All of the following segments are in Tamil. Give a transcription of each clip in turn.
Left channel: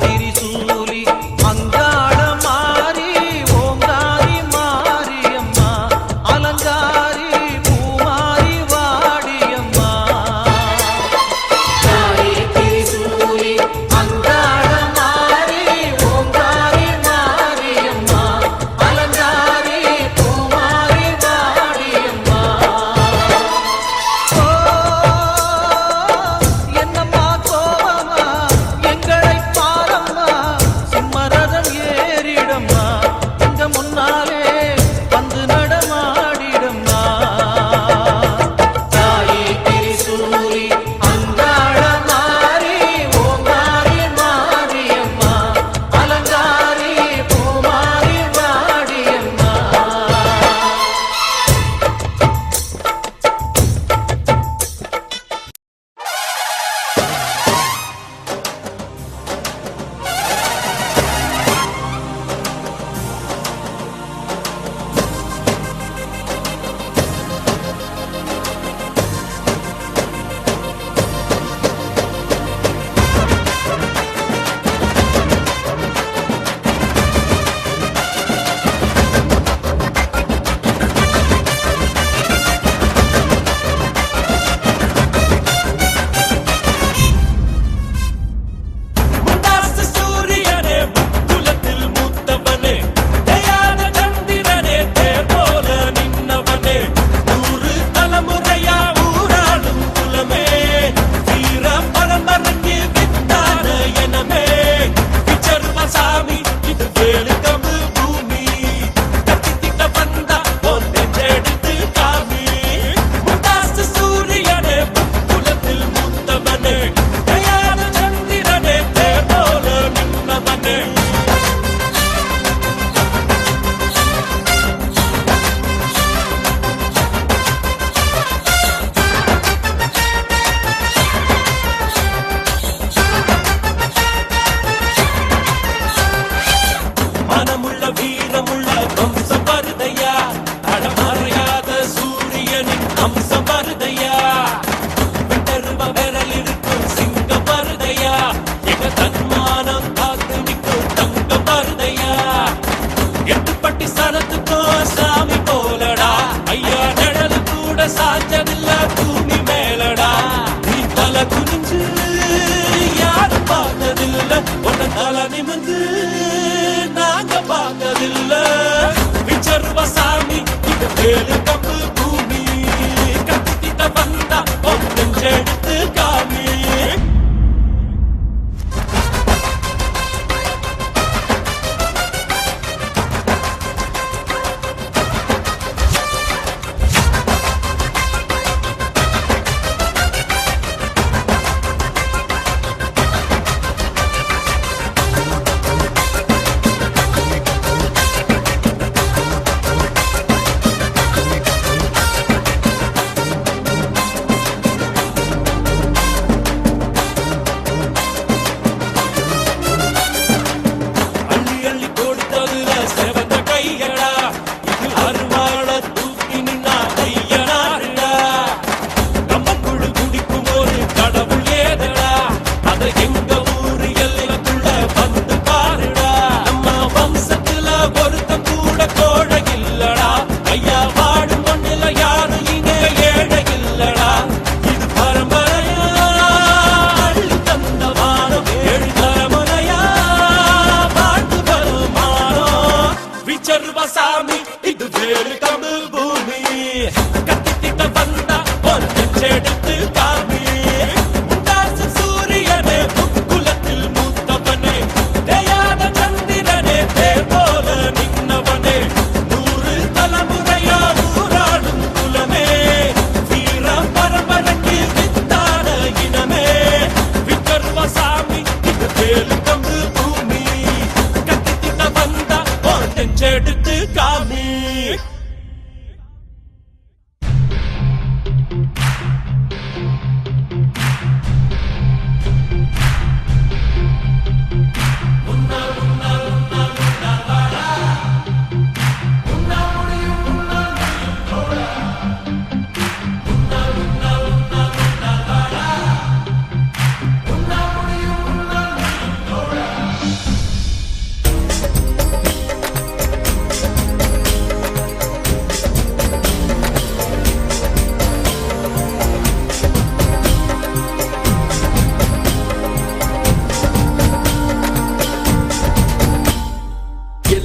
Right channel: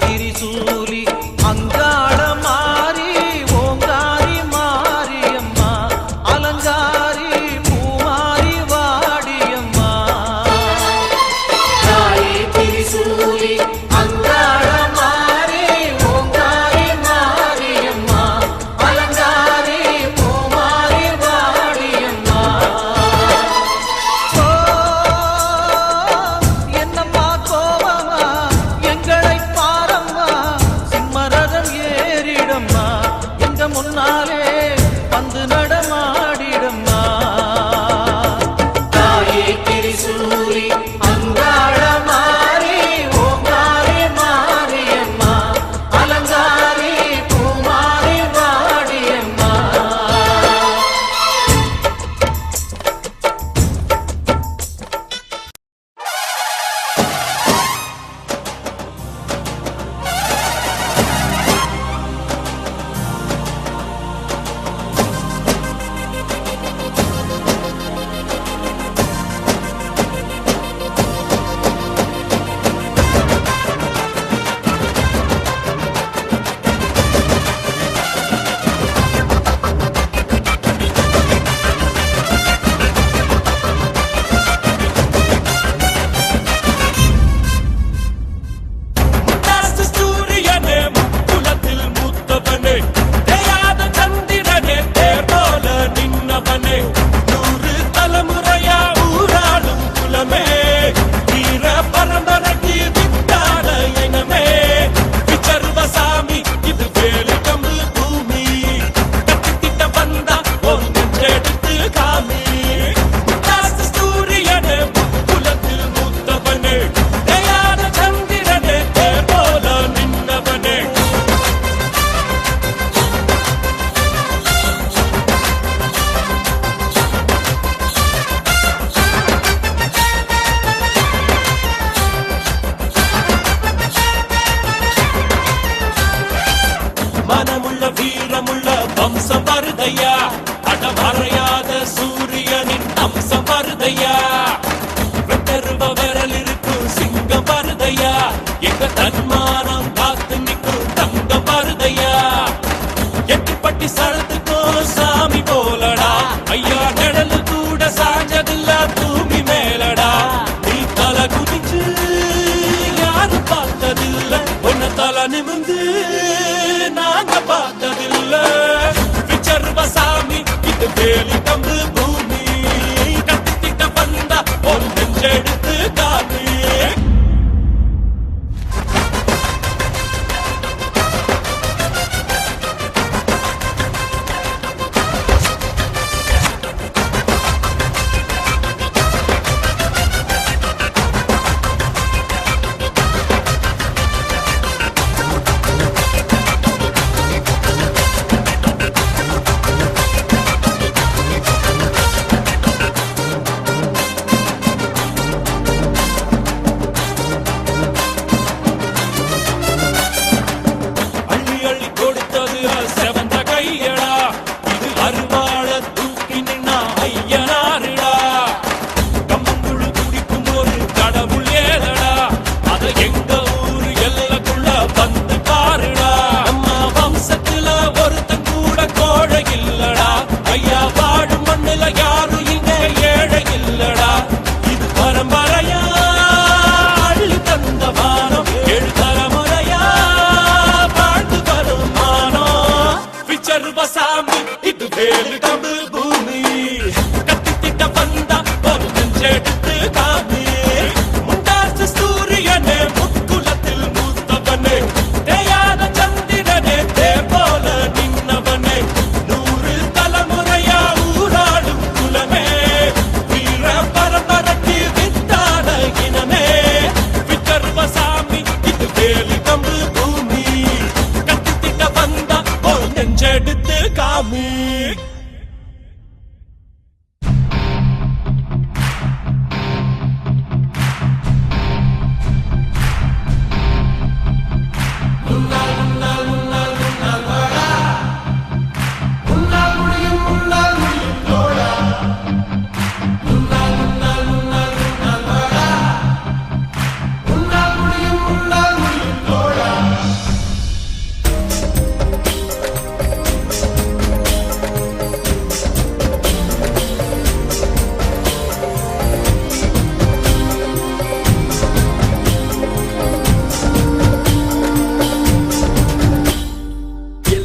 திரிசூலி அங்காள மாறி ஓங்காரி மாரியம்மா அலங்காரி பூமாரி வாடியம்மா தாயே திரிசூலி அங்காள மாறி ஓங்காரி மாரியம்மா அலங்காரி பூமாரி வாடியம்மா என்னம்மா கோவமா எங்களை பாரம்மா சிம்மரதம் ஏறிடம்மா எங்க முன்னாலே வந்து நடமாடிடம்மா தாயே திரிசூலி அங்காள மாறி ஓங்காரி மாரியம்மா அலங்காரி பூமாரி வாடியம்மா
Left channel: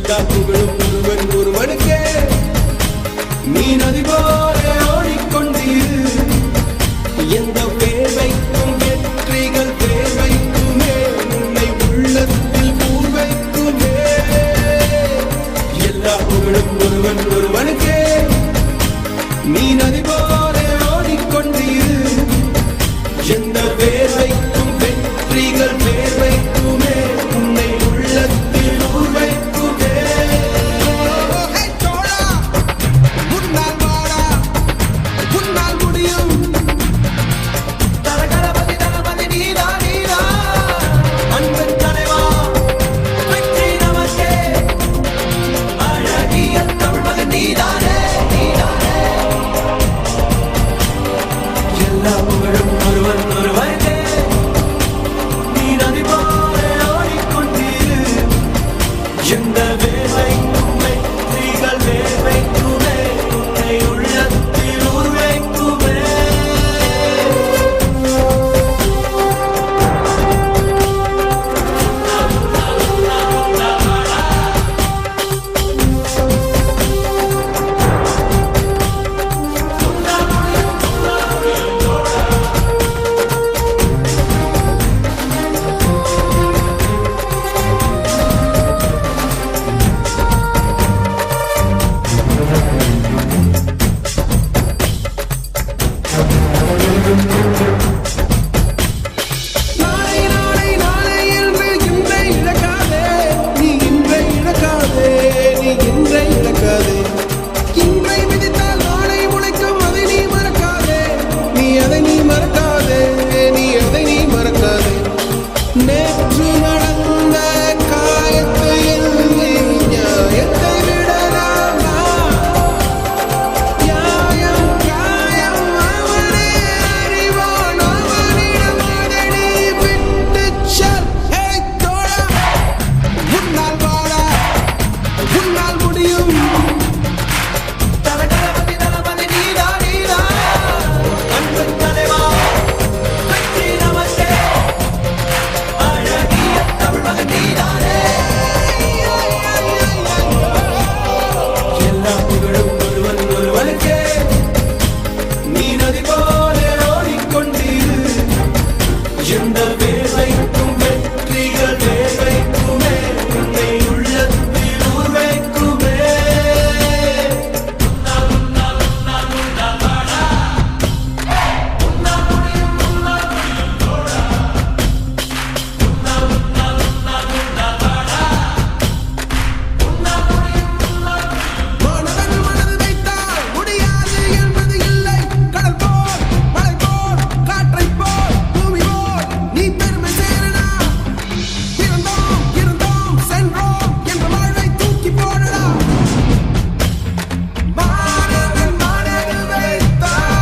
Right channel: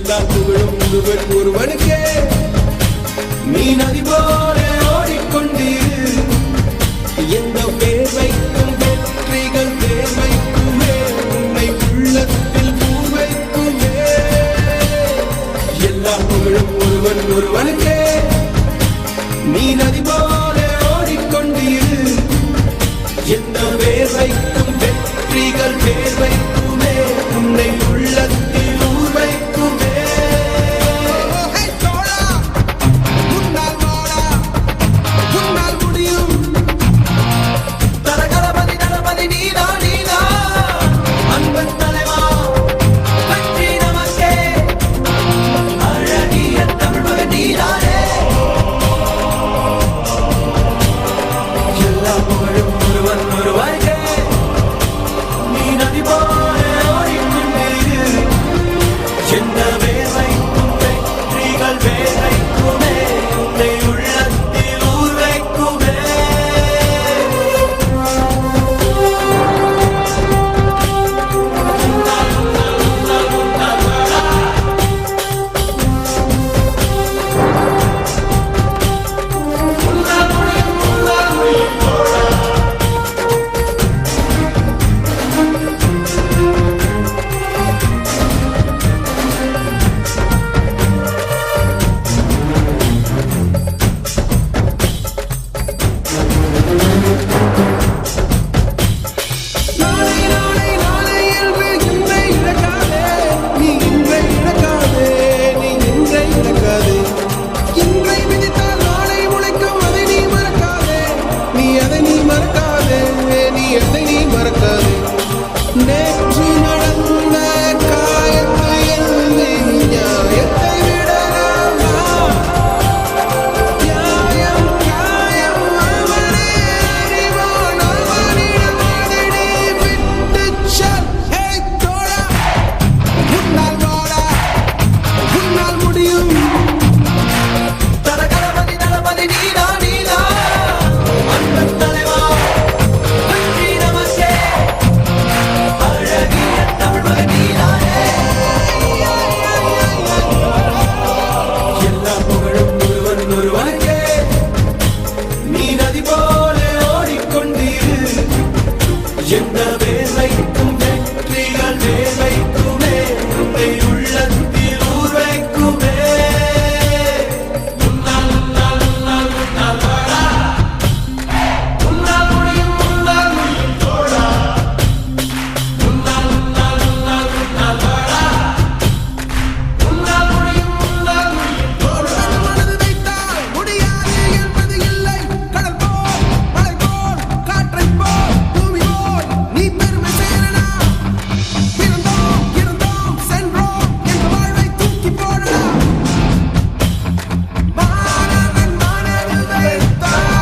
எல்லா புகழும் ஒருவன் ஒருவனுக்கே. நீ நதி போல ஓடிக்கொண்டீரு. எந்த வேர்வைக்கும் வெற்றிகள் தேர்வைக்குமே, உன்னை உள்ளத்தில் பூர் வைக்குமே. எல்லா புகழும் ஒருவன் ஒருவனுக்கே. நீ நதி போல ஓடிக்கொண்டீரு. எந்த வேர்வைக்கும் வெற்றிகள் தேர்வைக்குமே, உன்னை உள்ளத்தில் பூர் வைக்குமே. நேற்று நடந்த காயத்தை எழுதி நியாயத்தை விடலாமா? நியாயம் காயம் அவனே அறிவான், அவனிடம் அதை நீ விட்டுச் செல். தோழா, உன்னால் வாடா, உன்னால் முடியும். எந்த வேலைக்கும் வெற்றிகள் தேவைக்குமே, உன்னை உள்ளத்தில் ஊர் வைக்குமே. மாணவன் மனது வைத்தால் முடியாது என்பது இல்லை. கடல் போல், மலை போல், காற்றை போல், பூமி போல் நீ பெருமை சேரனா. பிறந்தோம், இருந்தோம், சென்றோம் என்ற வாழ்வை தூக்கி போடடா. மாணவன் மனது வைத்தால்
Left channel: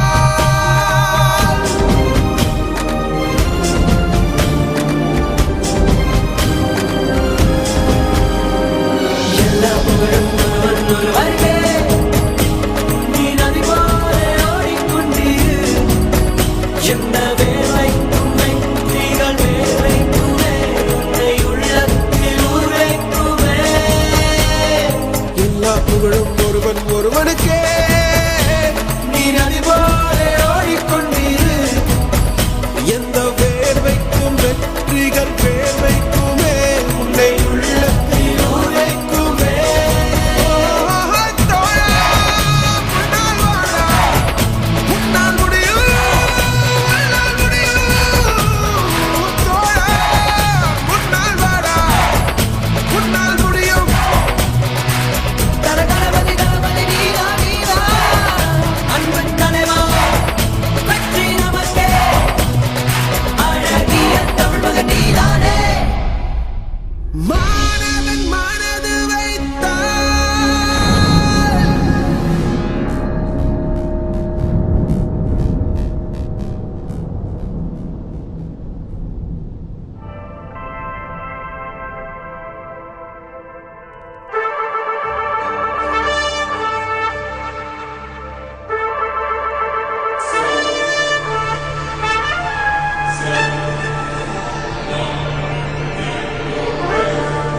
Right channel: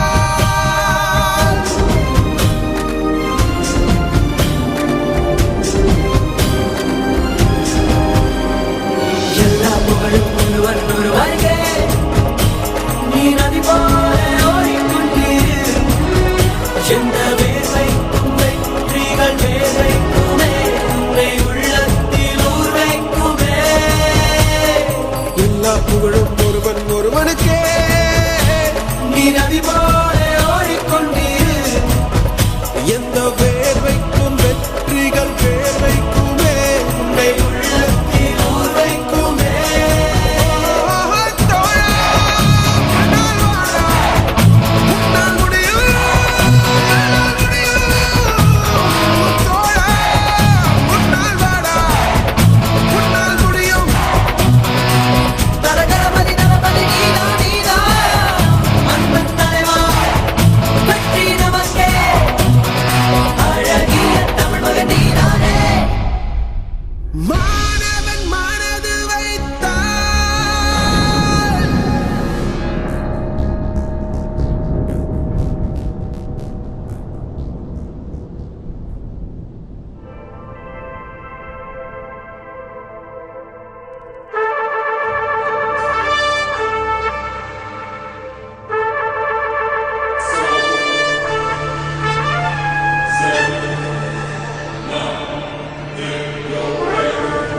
எல்லா புகழும் ஒருவன் ஒருவனுக்கே. நீ நதி போல ஓடிக்கொண்டீரு. எந்த வேலைக்கும் வெற்றிகள் தேவைக்குமே, உன்னை உள்ளத்தில் ஊர் வைக்குமே. எல்லா புகழும் ஒருவன் ஒருவனுக்கே. நீ நதி போல ஓடிக்கொண்டீரு. எந்த வேர்வைக்கும் வெற்றிகள் தேவைக்குமே, உன்னை உள்ளத்தில் ஊர் வைக்குமே. தோழா, உன்னால் வாடா, உன்னால் முடியும், உன்னால் முடியும். தோழா, உன்னால் வாடா, உன்னால் முடியும். மாணவன் மனது வைத்தால் Seven, 9, 8,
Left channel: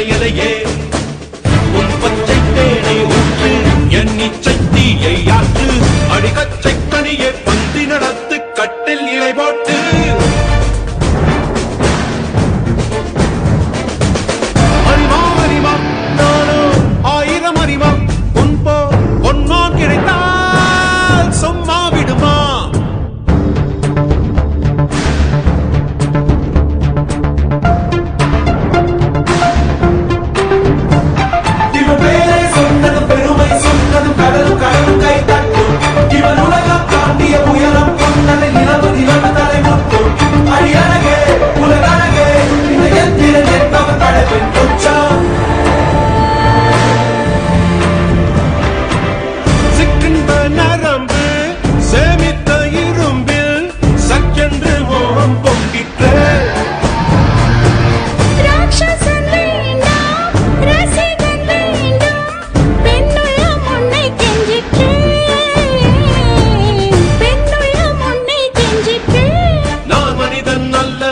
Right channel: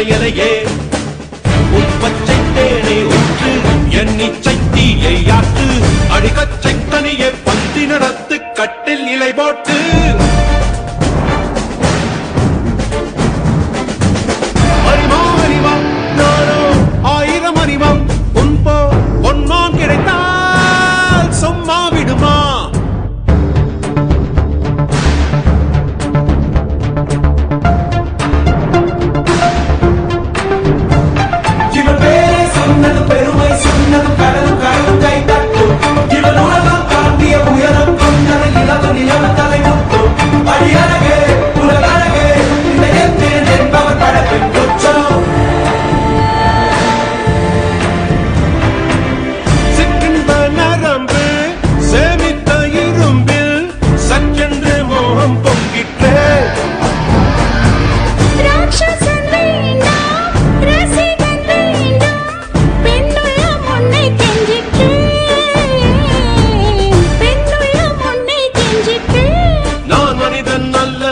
மலையலையே உன் பச்சை தேனை ஊற்று என் இச்சை தீயை ஆற்று அடிகச்சை கனியே பந்தி நடத்து கட்டில் இலை போட்டு அறிவா அறிவா நானோ 1000 அறிவா உன் போ பொன்மான் கிடைத்தால் சும்மா விடுமா இவன் பேரை சொன்னது பெருமை சொன்னது கடலும் கடலும் கை தட்டும் இவன் உலகம் தாண்டிய உயரம் கொண்டது நிலவு நிலவு தலை முட்டும் அடியழகே உலகழகே இந்த எந்திரன் என்பவன் படைப்பின் உச்சம் சிற்றின்ப நரம்பு சேமித்த இரும்பில் சற்றென்று மோகம் பொங்கிற்றே ராட்சசன் வேண்டாம் ரசிகன் வேண்டும் பெண்ணுள்ளம் உன்னை கெஞ்சிற்றே பெண்ணுள்ளம் உன்னை கெஞ்சிற்றே நான் மனிதன் அல்ல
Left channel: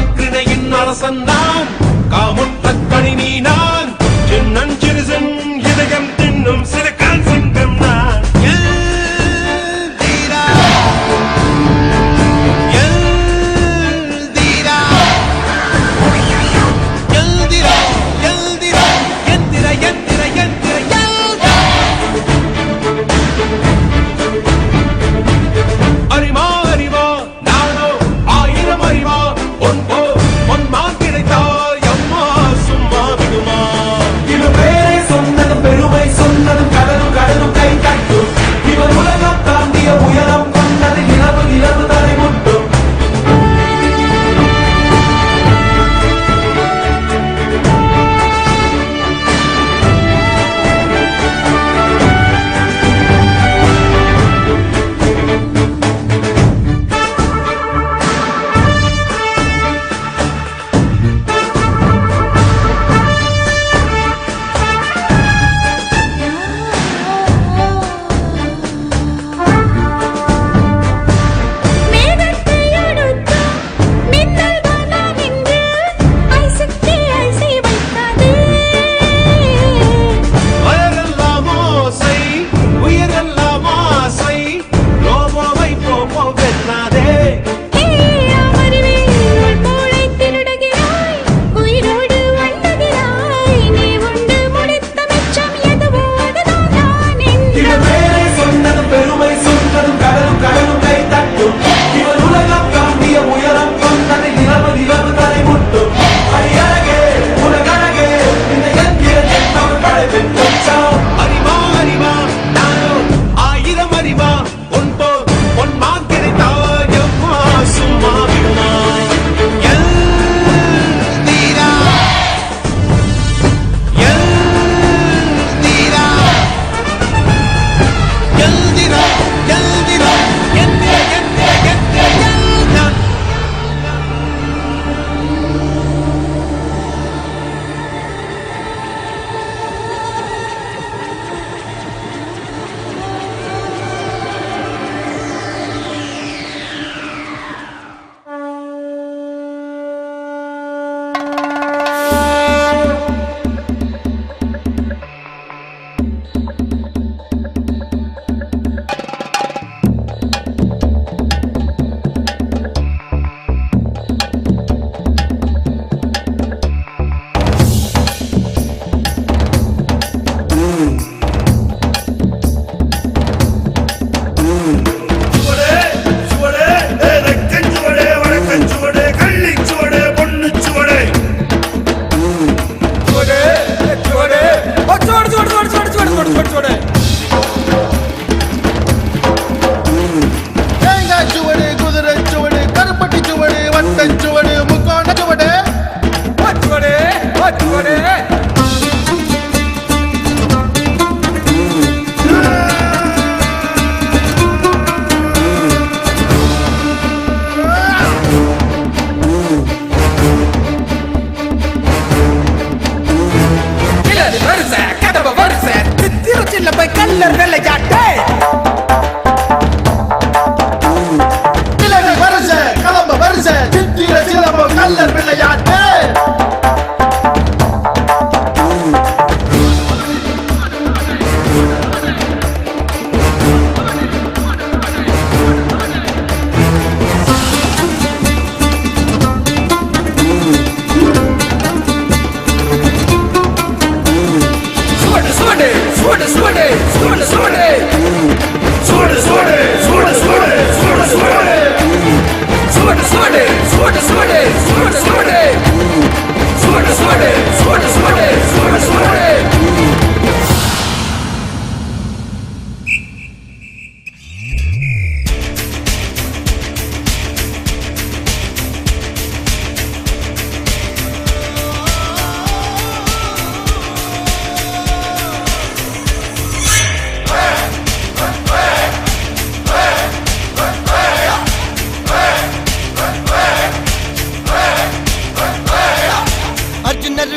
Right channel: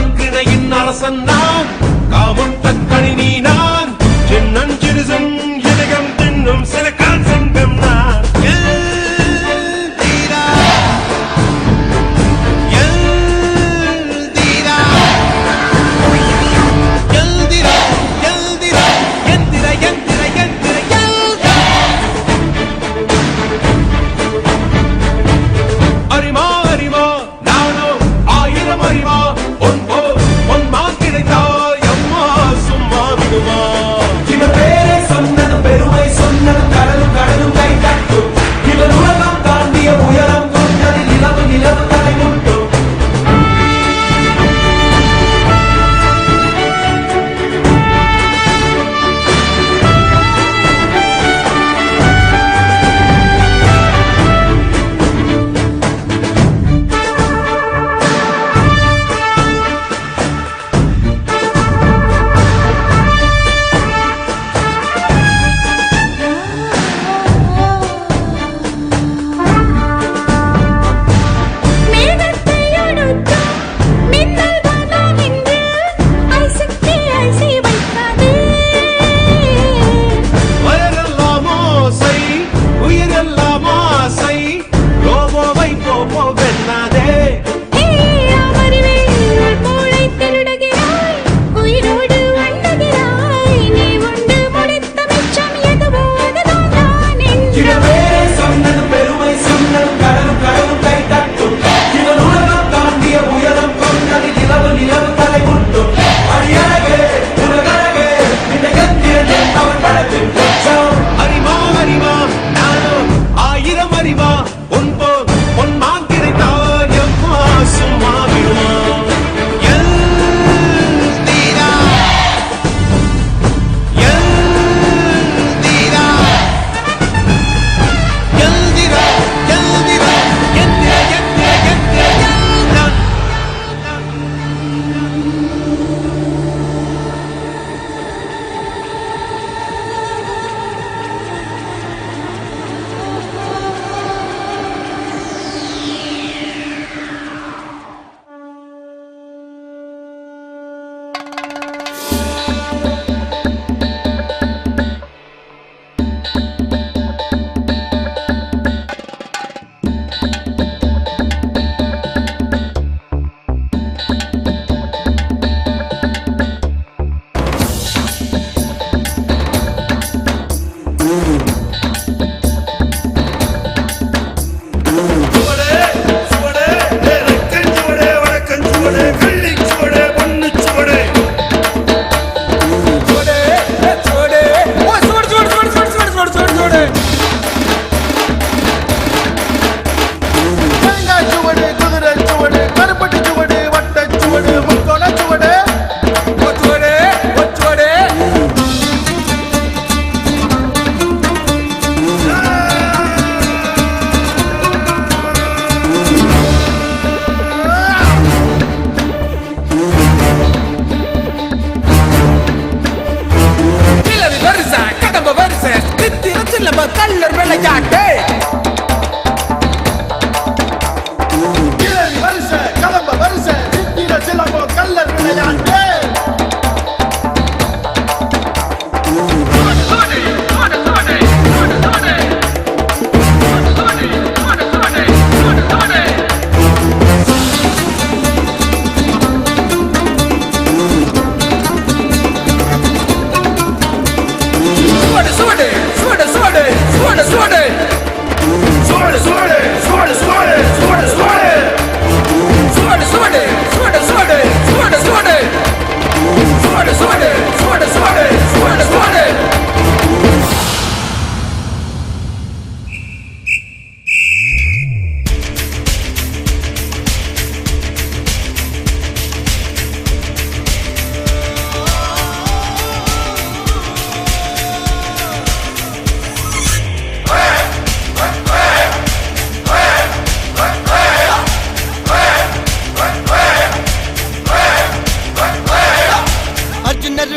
அக்ரிணையின் அரசன் நான் காமுட்ட கணினி நான் சின்னஞ்சிறுசன் இதயம் தின்னும் சிலக்கான் சிங்கம் நான் எல்தீரா, எல்தீரா, எல்திரா, எல்திரா, எந்திர, எந்திர, எந்திர, எல்தா. அறிமா அறிவா நானோ 1000 அறிவா பொன்மான் கிடைத்தாய் அம்மா சும்மா விடுமா இவன் பேரை சொன்னது பெருமை சொன்னது கடலும் கடலும் கை தட்டும் இவன் உலகம் தாண்டிய உயரம் கொண்டது நிலவு நிலவு தலை முட்டும்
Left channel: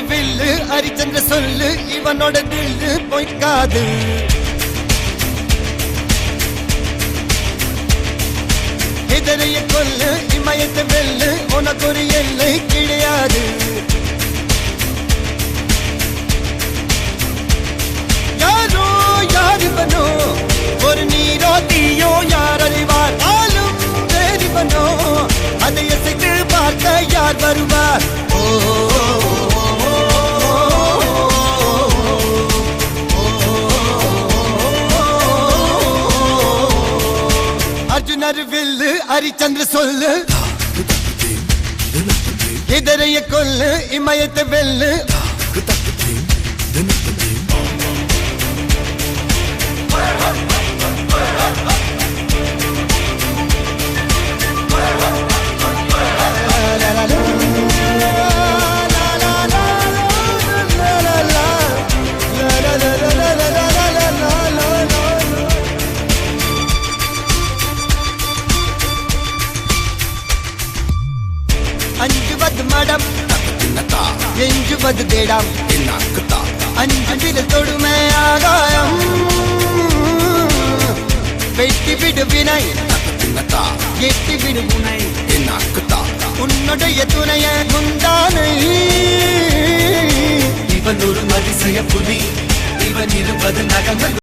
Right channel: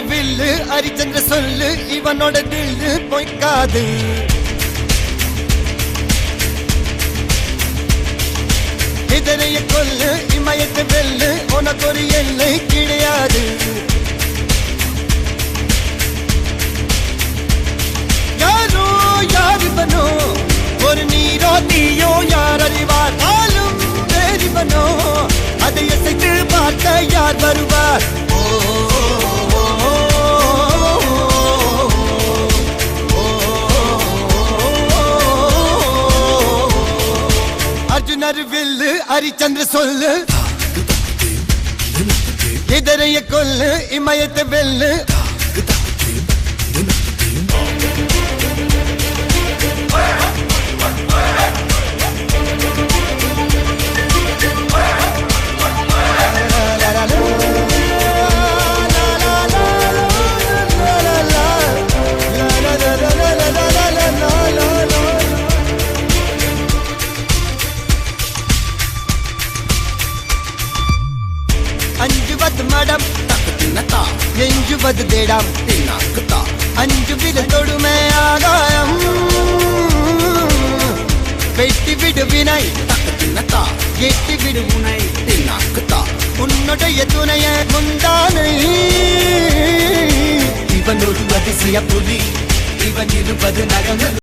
வில்லு ஹரிச்சந்திர சொல்லு இவனோட தில்லு பொய்க்காது இதனைய கொல்லு இமயத்தை வெல்லு உனக்கு ஒரு எல்லை கிடையாது யாரோ யாரிவனோ ஒரு நீரோ தீயோ யார் அறிவார் ஆளும் வேறிவனோ அதை இசைத்து பார்க்க யார் வருவார் அர்ஜுனர் வில்லு ஹரிச்சந்திர சொல்லு இதரைய கொல்லு இமயத்தை வெல்லு அஞ்சுவது மடம் எஞ்சுவது தேடம் அஞ்சு வித தொடுமை ஆகாயம் வெட்டி விடு வினை எட்டி விடு உனை உன்னுடைய துணைய முந்தானை இவன் ஒரு அதிசய புலி இவன் இருபது நகங்கள்